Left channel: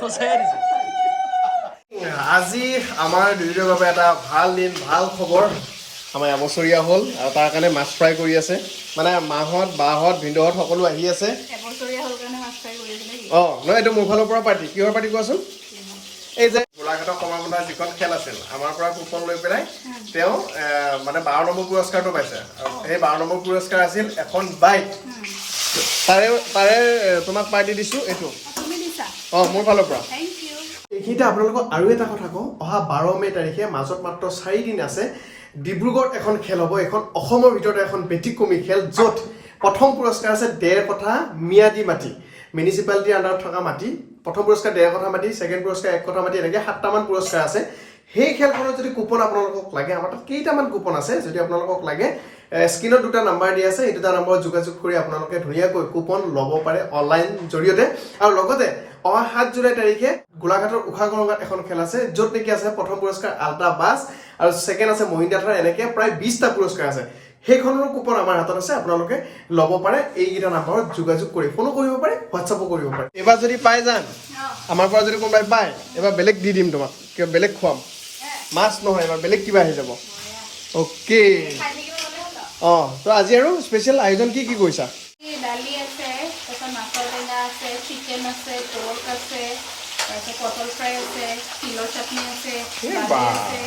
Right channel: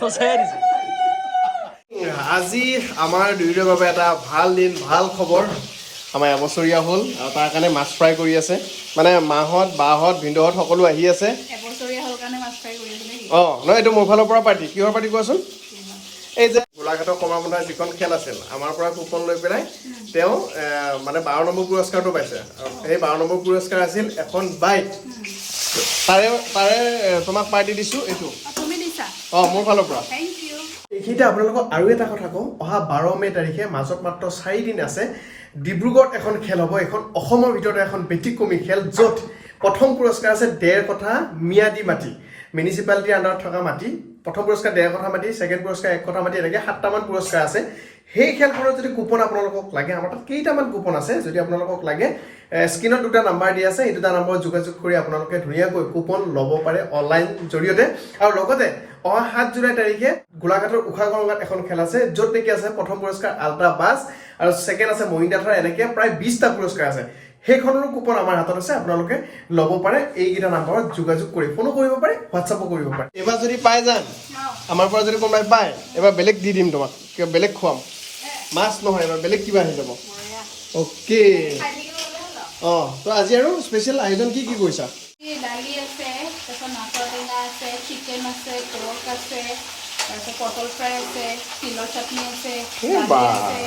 সঁচাই দিছে। আজি আমাৰ দুয়োৰে বাবে এটা ভাল দিন ভাল খবৰ। আমাৰ এবছৰীয়া হ'ল আৰু তাৰ কাৰণে মাছ ফ্ৰাই কৰি আছে। মানে মাহঁত বাহঁত ভিনদেউহঁত সকলো আহি আছে। অঁ নহয় এইটো মোৰ ফালৰ পৰা পাৰ্টি। কিহৰ পাৰ্টি কোৱাচোন? এই যে গোলাঘাটৰ কমাৰবন্ধাৰ যিখন খেল আছিল আমাৰ পৰা কুপন লৈ পেলাই তেওঁ মানে বাৰ নম্বৰ পুৰস্কাৰটো পাইছে। আৰু সেই বাৰ নম্বৰ পুৰস্কাৰ আছিল এখন বাইক। তাৰে তাৰে তোমাক পাৰ্টি দিছোঁ এইটো। অঁ মোৰ ফালৰ পৰা। এইখিনিতে আপোনালোকক আৰু এটা কথা কওঁ। অহা বাৰ মে' তাৰিখে মাজত মাত্ৰ চাৰিদিন আছে ডিব্ৰুগড়ত এখন খেল হ'ব। এইখন অসমৰ ভিতৰতে এখন ব্যতিক্ৰমী খেল য'ত প্ৰথম পুৰস্কাৰ আছে ডেৰ কথা ম্যাদী মাটি মিউনিচিপালিটিৰ আণ্ডাৰত থকা মাটি। প্ৰথম পুৰস্কাৰ ডেৰ কথা মাটি ছেকেণ্ড পুৰস্কাৰ এক কথা মাটি এনেকৈ সাতটামান পুৰস্কাৰ আছে। সেই খেলখনত যদি কুপন আপোনালোকক লাগে, আমাৰ তাত কেইটামান কুপন আছে, যদি আপোনালোকক লাগে স্ক্ৰীণত দুটা নাম্বাৰ দিয়া আছে, এই দুটা নম্বৰত যোগাযোগ কৰি আপোনালোকে ধুনীয়াকৈ কুপন ল'ব পাৰে অনলাইন জৰিয়তে। আৰু লগতে, অহা সাত জুলাই তাৰিখে গোলাঘাটৰ উষা গৰঙাত এখন খেল আছে, য'ত নেকি আছে প্ৰথম পুৰস্কাৰ আল্ট্ৰা বাছ আৰু ছেকেণ্ড আছে মহিন্দ্ৰা থাৰ, এনেকৈ প্ৰায় বিছটা পুৰস্কাৰ আছে। সেইখনৰো কুপন আমাৰ হাতত আছে আপোনালোকে ল'ব পাৰে। এইকেইটা নাম্বাৰত যোগাযোগ কৰি ফোনো কৰিব পাৰে হোৱাটছআপো কৰিব পাৰে। এইবাৰ যদি পাই যাম আমাৰ পৰা যদি কোনোবাই পায় এইবাৰ বেলেগ দি দিম তোমাক কিবা বেলেগ খুৱাম। মাছ নহয় এবাৰ বেলেগ কিবা আহি যাব। অ'কে। অঁ তো আজি আৰু স্পেচিয়েল আয়োজন কি কি কৰিছা? দালি আছে তাৰপিছত মাছৰ টেঙা আছে চিকেন আছে পৰ্ক আছে তাৰপিছত পটল ফ্ৰাই আছে তিলৰ চাটনি আছে এই দালি বাহ। আছে।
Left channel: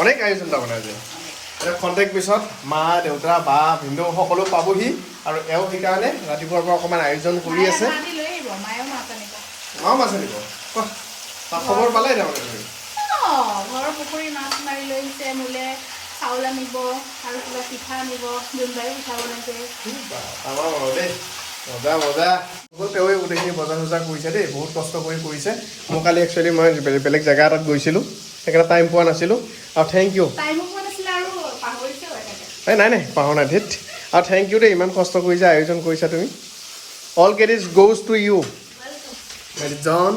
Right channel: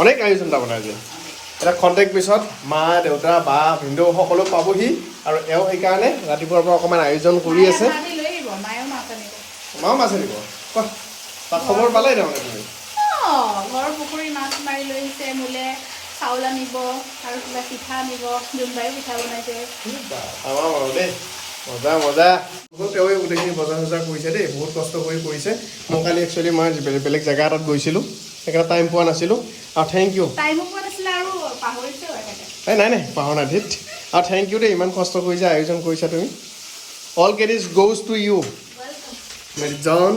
অনেক আয়োজন তাৰমানে আজি। এটা খন্তেক পিছত মা দেউতা বা ভিনদেউ সকলো পাবহি। আৰু এওঁ সেইকাৰণে ৰাতিপুৱাৰ পৰা অকণমান আয়োজন কৰি আছে। মাও মাছ আনিব? কোৱা? তাৰ খবৰ পালে তাৰমানে অঁ ঘৰৰ পুখুৰীৰ মাছ মাৰি লৈ আহিছে মোলে চাউল আনিব আৰু কিবা পিঠা আনিব জোনবাইও পিঠা বনাইছে। আমাৰ মনত দেই। মজা মজা। বহুত তেওঁৱে গোটেইখিনি বজাৰ চজাৰ কৰিছে দেই বহুত কষ্ট কৰি কৰিছে। মই কালি একচুৱেলি মই বেলেগ জেগা এটাত গৈছিলোঁ। সেইকাৰণে টাইম পোৱা নাছিলোঁ। আৰু থেংক ইউ টাইমো পোৱা নাছিলে আৰু পাহৰিছেও একেবাৰে এই নাই নাই পাহৰা নাই ধেত আৰু থেংক ইউ দেই ইমান কষ্ট কৰি যে আয়োজন কৰিছা তুমি। All credits goes to you মেৰিজন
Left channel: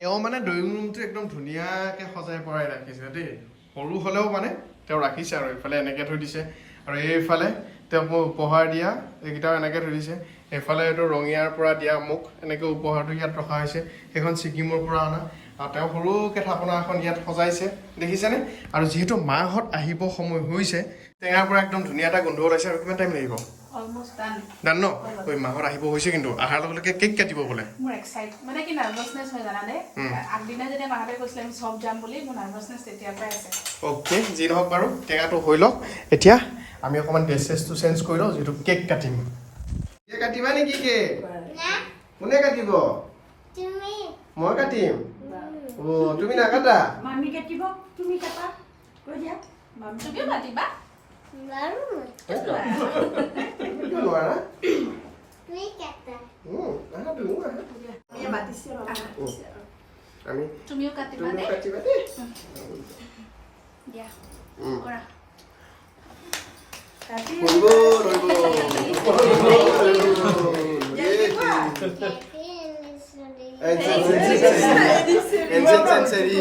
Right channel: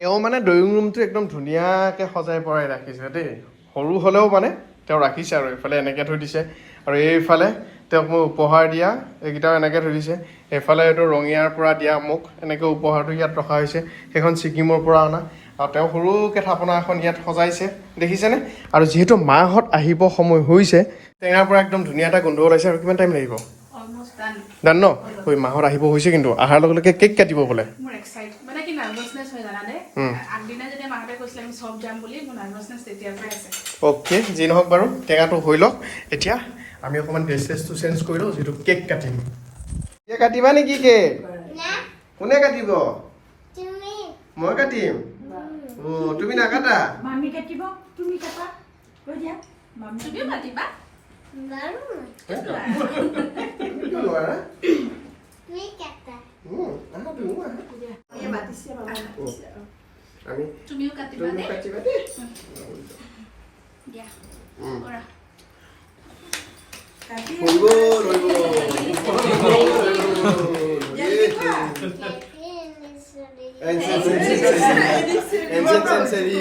তেওঁ মানে ড্ৰয়িং ৰুমটো একদম ধুনীয়াকৈ সজাই পৰাই ৰাখিছে দেই। সৰু হ'লেও মানে তেওঁ ৰাখিছে আৰু এইফালে এনেকৈ থৈ দিছে। আৰু এইফালে তেওঁক মোক উপহাৰ দিয়া এইকেইটাও এনেকৈ থৈ দিছে। এইফালে এইটো ৰঙিয়াৰ পৰা দিয়া মোক এনেকৈ উপহাৰটো ইয়াত ৰখা হৈছে। সেইখন ছিকিমৰ পৰা অনা। আৰু তেওঁ সৰুকৈ থাপনা এখন ইয়াত সজাইছে দেখিছেনে? আৰু যিহেতু মাহঁত আহিব সময় হৈছে টেঙাৰ পৰা একদম ধুনীয়া এটা গোন্ধ ওলাইছে আৰু কিমান টাইম লাগিব? অলমষ্ট ডান ন? ঐ মাহঁত আহিব হৈছে কিন্তু অহাৰ লগে লগে কেক কাটিব বোলে। অ'কে যি নহওক বাৰু টেঙাটো হৈ লওক। এতিয়া আমি অকণমান ড্ৰেছ চেছটো চেঞ্জ কৰি লওঁ যিহেতু কেক কাটিম। কাটিবা নেকি কেক কোনে কাটিব? তুমি। মই কাটিম। অঁ, তুমি নাকাটা মামি কাটিব তুমি কাটা লৈ দিয়া তুমিও মাতিবা বাৰু তুমি নোৱাৰা? তুমি কেটা উম, আহা তুমিও আহা। মাতিছে বাবা উম, আমি তুমিও কাটিবা তুমিও দেই কাটিবা দেই দিয়া উম। কৰা ৰ'ব, ৰ'ব। Encenseri.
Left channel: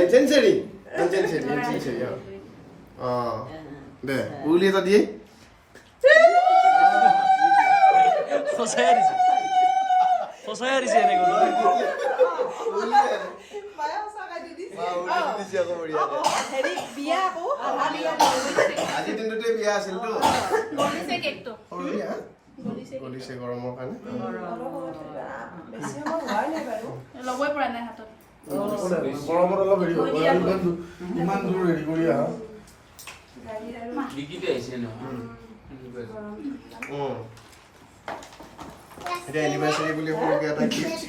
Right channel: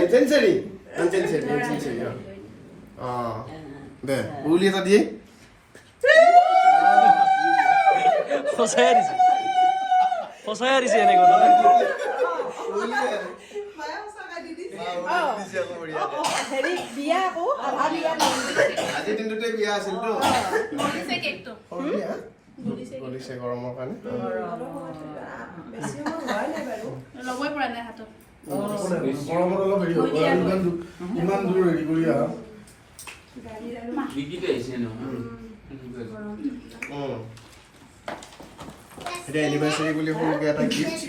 Encenseri. Encenseri. Encenseri. Ah. দে উলি এটা দিয়ে সঁচাই দিছে সঁচাই দিছে এনেকৈ হেৰি বিয়া আকৌ আধা বিয়া আজি দিনটোতে বিয়া আছিলতো গলিছে কেকটো সৰু বিয়া গলিছে গৰমৰ কাৰণে। ল'বই পৰা নাই। হাতত। গৰমত অলপ হেৰি হ'ব ইমান দূৰ হেৰি কৰি আহা। এতিয়া এনিভাৰ্চাৰী বুলি সৰুকৈ এটা গিফ্ট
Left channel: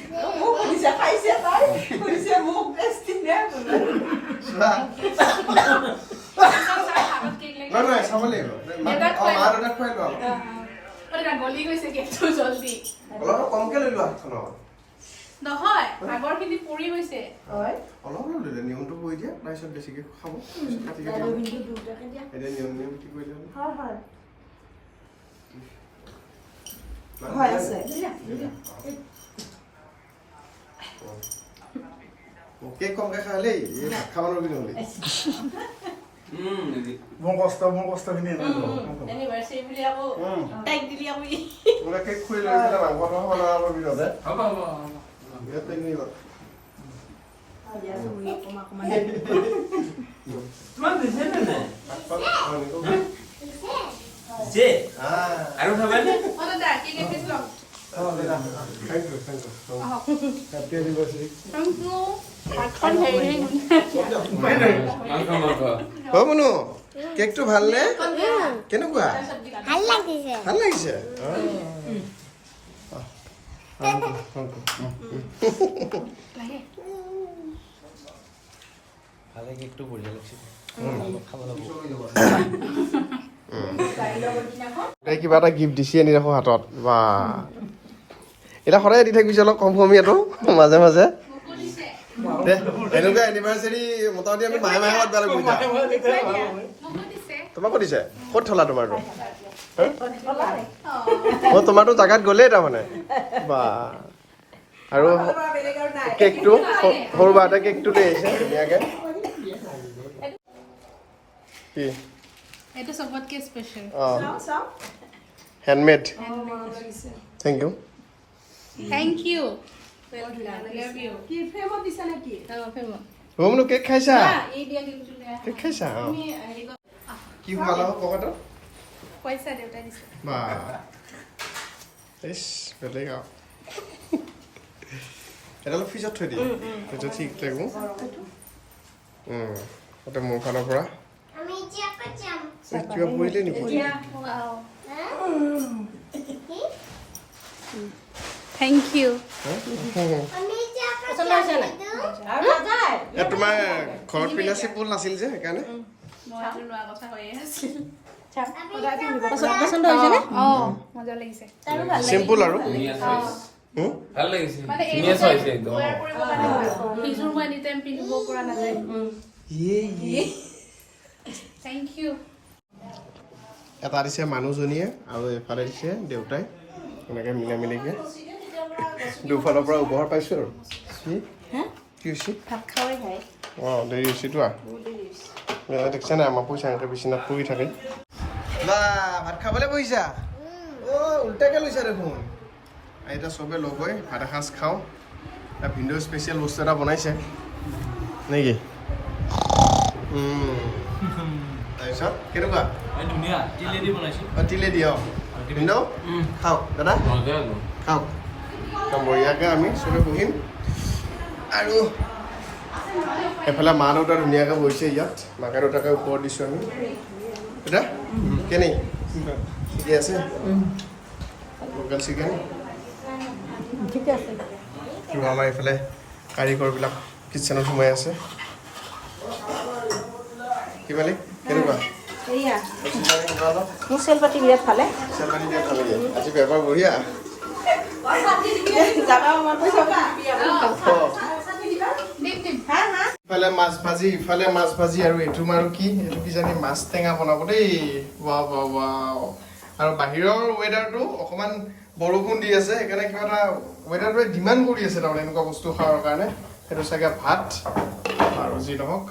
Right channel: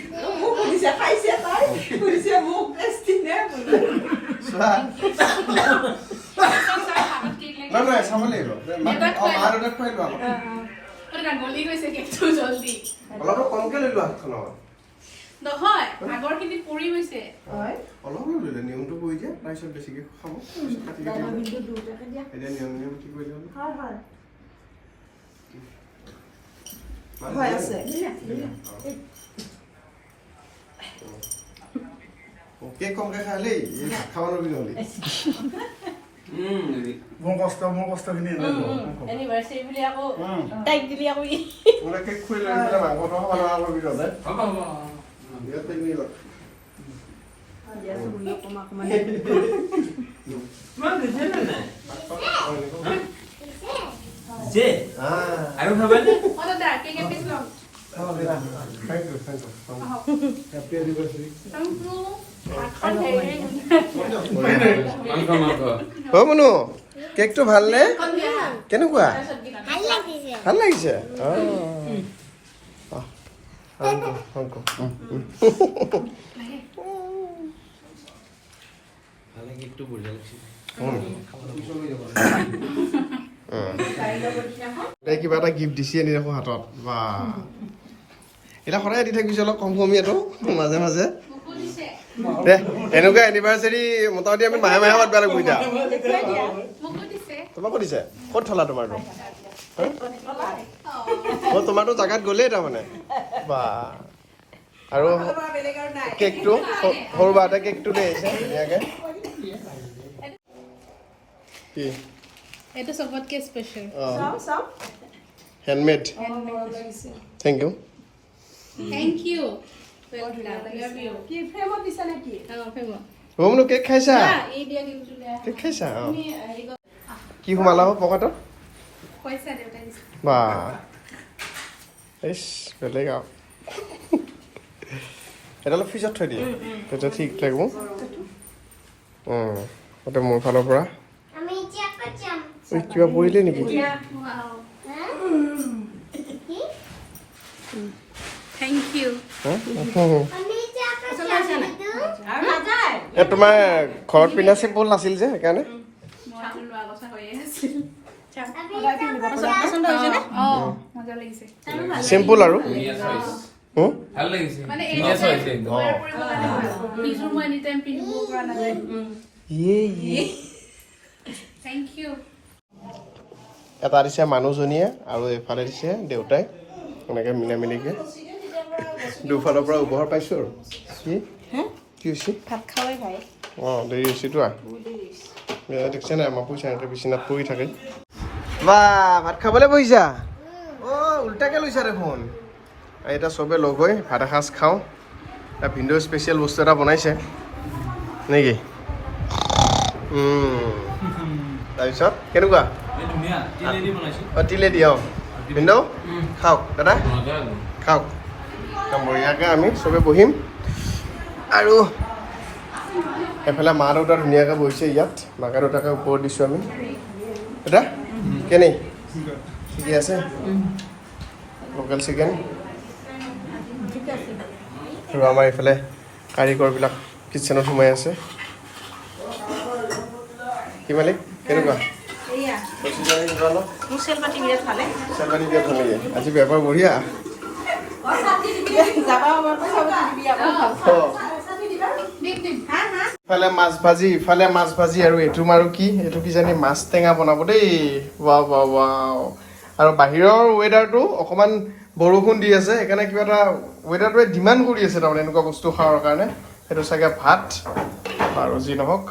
নহয় নহয় চাব লাগিব। মা দেউতাক খুৱাই লোৱা। গলি গৈছে কেকটো জল্দি? অলপ কমকৈ লৈ লোৱা হাতখনত নহয় আগৰখিনি পুৰি গৈছে হয়। অলপ লৈ লোৱা নিয়মটো কৰি দিয়া তাৰপিছত বেছিকৈ খাব। কাটি কাটি দিয়া। এতিয়া নিয়ম নিয়ম কি হয় হয়। হয় আছে। কেক কমকৈ খাই দেই খাব নোৱাৰিবি নহ'লে। মোৰ কষ্ট মোৰ কষ্টখিনি এনেই যাব। এনিভাৰ্চাৰী বুলি আকৌ তাইক দিলি আকৌ ই মোলে কেক খুলি লৈ পেলাই মাংসটো খাব নোৱাৰা কৰিবি নহ'লে হ'ব হ'ব হ'ব তোমাক দিছে নে নাই যে আৰু খাবানে অঁ দাদা কেক এপিচ লওক thank you thank you happy anniversary অ মনু কেকটো ভালনে? কেনেকুৱা? ভালো লাগিছে। কিবা এটা গিফ্ট দিছি আনি ৰাখো হাতত। বা এতিয়া সদায় দি থাকিবিছে অলপ কম কমীয়াটো মাজে মাজে দে এনেকুৱা এনিভাৰ্চাৰী মোটামুটি আমি মাহে মাহে পাতিব লাগিব এতিয়া। তোমাকো দিছে? ক'ত থলা তোমাৰটো মই তোমাৰটো জাগাত গ'লেই তাৰমানে। আৰু কেকটো সৰু মাহঁতে কেকটো দেই। কি? এইটো চবতকে স্পেচিয়েল অঁ। Handmade thank you thank you ৰমনো cake খাইছা কেক খাইছা কি সোমালা হো পকেটত বা ইছ বেলেগ আৰু এটা অলপ ফ্ৰিজত থৈ দিয়ে তেতিয়া ঠিক লাগিব এতিয়া মোৰ ফালৰ পৰা কিবা পৰিলে নেকি ইউ এ তোমাৰ ঘৰত পিন্ধা চিম্পুল নাছিল যে সেইকাৰণে? চিম্পুল আৰু? এটা দিছে মানুহজনীয়ে আৰু এইফালে দিছে দেউতাই এনেকৈ মিলা মিলিকৈ দুফালৰ পৰা উপহাৰ পাইছোঁ আৰু। কি? কি হৈছে? ভাত খাওয়াই ভাই। অঁ দেৰি হৈছেতো এয়া দেখিছা নাই? আমাৰ পইচা এনেকৈ বিচনাত পৰি থাকে। বা ভাত খাবলৈ বহিছা? অঁ উল্টাকৈ লৈছা দেখোন। আৰু এতিয়া চবে লগ হৈ ভাত এসাঁজ খাওঁ। এটা ভিন্দ স্পেচিয়েল বস্তু এটা বনাইছে। নেকি। তাৰপিছত কেনেকুৱা? ধুনীয়া। অঁ তিলেদি অঁ। ভিন্দ খাওক দাদা। খাওক। একদম আমি চবে বহিম। আৰু এফালে মা দেউতা ধুনীয়াকৈ বহিছে ইয়াত মাকে দেউতাকে ওপৰত দিছোঁ আমি। দাদা কেনে? ঠিকে আছে? Local chicken. আৰু আমাৰ এইফালে কাৰিকৰবিলাক কিটচেনত সোমাই আছে। কি মালিক? কেনেকুৱা? মোৰ চেল পাতি বিৰাট ভালে। আজি বেপাৰ বঢ়িয়া। ইফালে মাছ ভাজি ইফালে মাছ ভাজি আৰু এইটো আৰু কি? এইটো কিজানি মাছ টেঙা বনাব দেই। Wow wow wow. আৰু বাহিৰৰ ৱেডাৰটো অকণমান বৰষুণ দি আছে সেইকাৰণে কিবা এটা ৱেডাৰটোৱে ডিমাণ্ড কৰি আছে তাৰমানে এনেকুৱা বস্তু খোৱাৰ কাৰণে। সেইটো চাগে ভাত আৰু যি নহওক।